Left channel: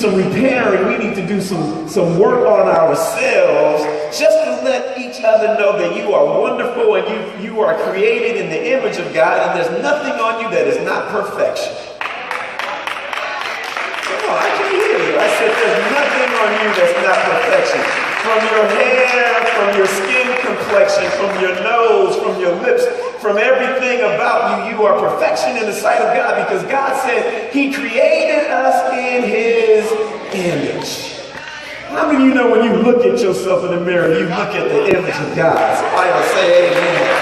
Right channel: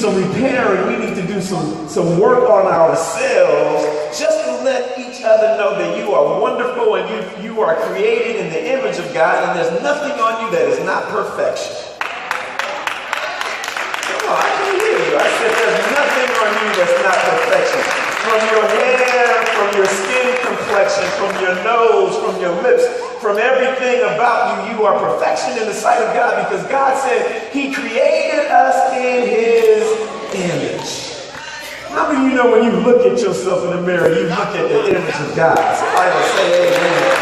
some repairing. We need to do some work on ourselves just to let each other know that you are wonderful and you are created in the image of God, and there's nothing on you that is not perfection. Oh, I can't hear you. I said there's nothing on you that's not perfection. From your hair, from your skin complexion, from your nose, from your lips, from everything about you, you are perfection in the sight of God, because God said he created us in his image. How many of you know when you look at yourself in the mirror, you look at the image of God? So I will say amen.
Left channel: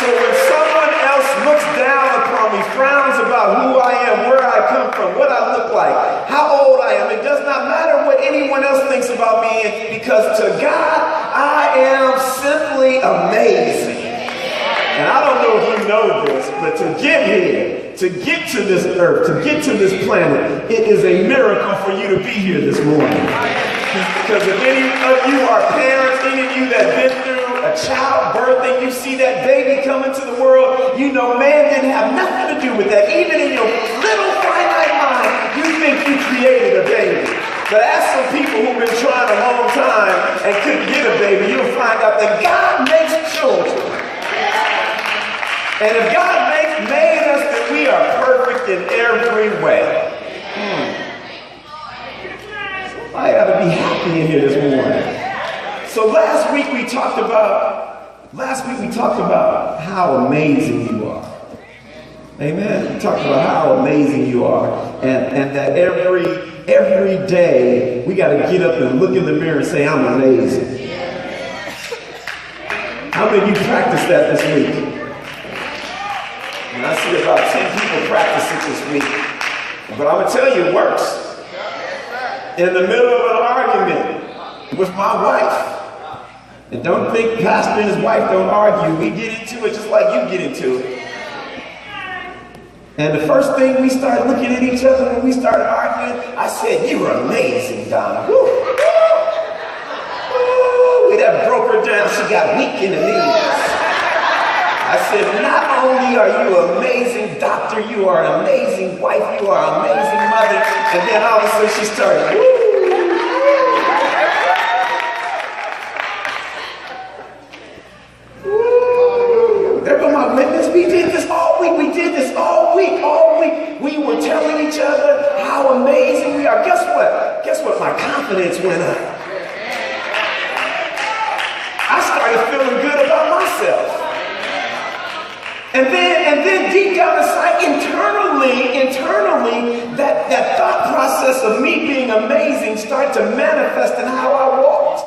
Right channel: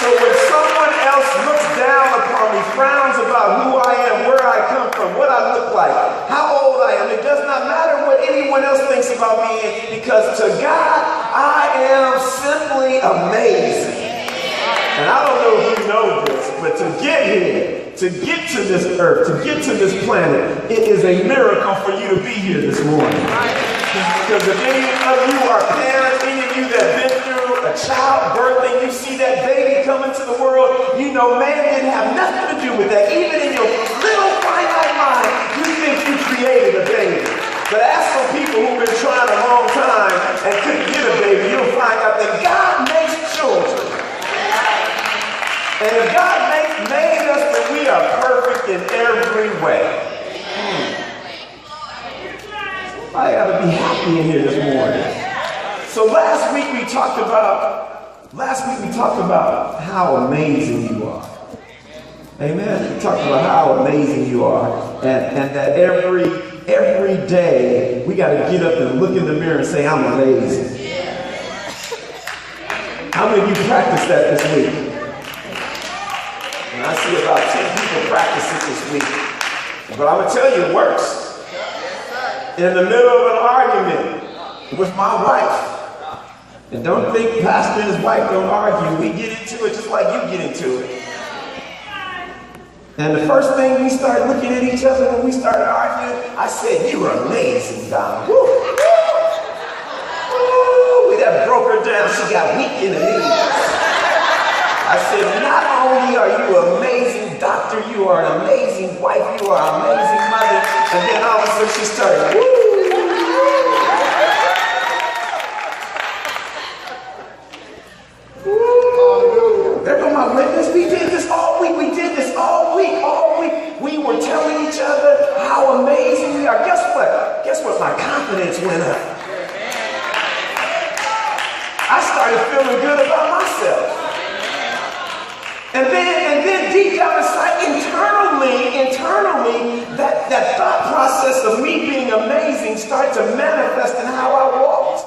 So when someone else looks down upon me, frowns about who I am, where I come from, what I look like, how old I am, it does not matter what anyone else thinks about me, because to God, I am simply amazing. And I don't know if you know this, but to get here, to get to this earth, to get to this planet, it is a miracle for you to be here this morning. Because if any of you are parents, any of you that have been through a childbirth and you see that baby come into the world, you know man didn't have nothing to do with that. Even in your little finite mind, you think you created a baby. But ask some people who've been trying a long time and couldn't get a baby, you'll find out that God makes children. And if God made us, then we are perfect in every way. I gotta be happy in here this morning. So last week we talked about how amazing you are. Amen. We talked about how amazing you are, and that every day we gotta get up and look in the mirror and say, I'm amazing. How many of you practiced that this week? And I see about 10 people practice it this week. But I'm going to tell you, it works. In the middle of an argument with my wife, and don't think Pastor and his wife don't argue. We get into it just like you get into it. And the first thing we start looking at each other when we started arguing, I said, you're amazing, Don. Woo! Woo! That broke her down. She got weak in the knees. I said, not only are you an amazing doctor, you are an amazing wife, you are an amazing mother. And then all of a sudden she started, woo! Woo! There go my witness. We did this all week. We did this all week. All week. We were telling each other how amazing we are. Guess what? Guess what? My confidence went up. I started feeling good about myself. And then deep down inside, internally, that thought process of me being amazing started to manifest in how I walked.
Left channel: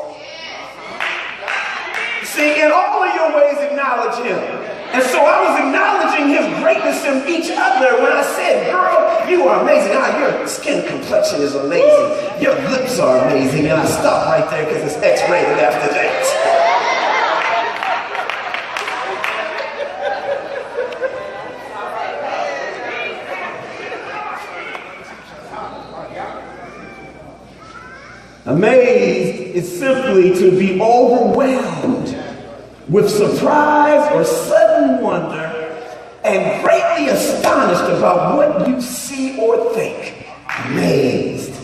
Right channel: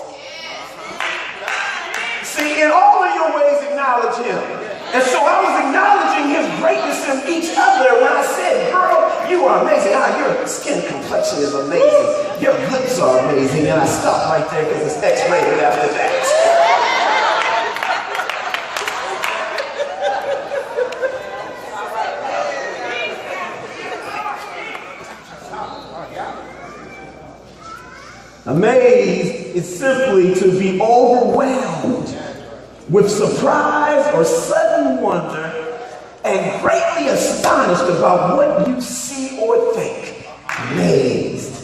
See, in all of your ways, acknowledge him. And so I was acknowledging his greatness in each other when I said, girl, you are amazing. Your skin complexion is amazing. Your lips are amazing. And I stopped right there because it's X-rated after that. Amazed is simply to be overwhelmed with surprise or sudden wonder and greatly astonished about what you see or think. Amazed.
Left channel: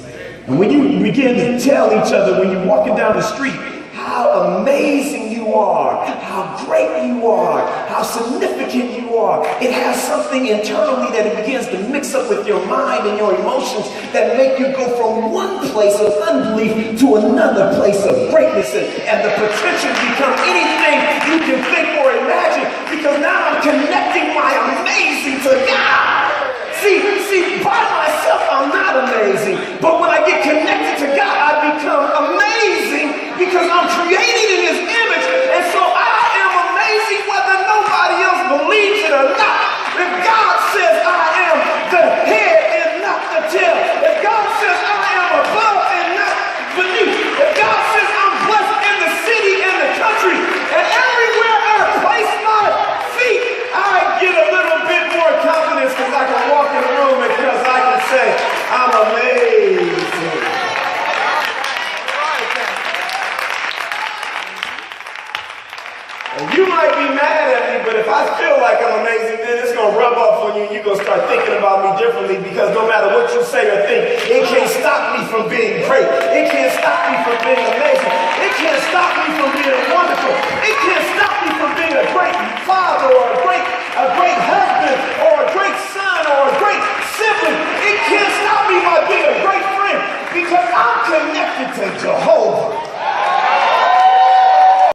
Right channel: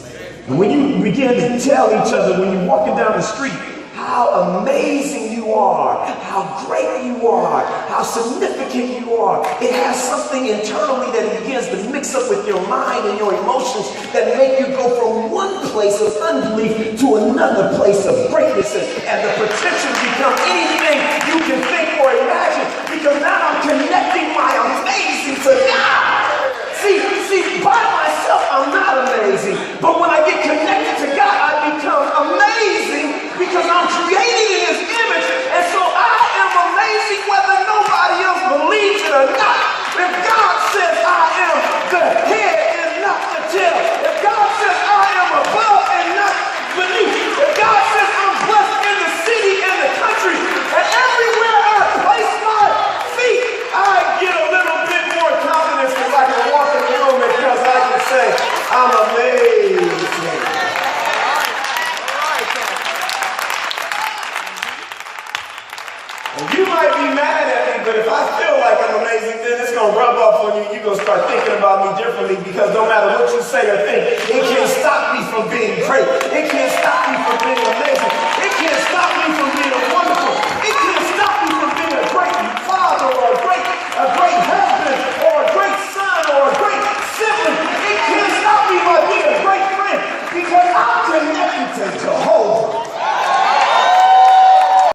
And when you begin to tell each other when you're walking down the street how amazing you are, how great you are, how significant you are, it has something internally that it begins to mix up with your mind and your emotions that make you go from one place of unbelief to another place of greatness, and the potential become anything you can think or imagine, because now I'm connecting my amazing to God. See, by myself I'm not amazing, but when I get connected to God, I become amazing because I'm created in his image, and so I am amazing whether nobody else believes it or not. If God says I am the head and not the tail, if God says I am above and not beneath, if God says I'm blessed in the city and the country, and everywhere I place my feet, I you, you're going to start thinking about me differently, because no matter what you say or think, it can't stop me from being great. It can't stop me from being amazing. It can't stop me from being wonderful. It can't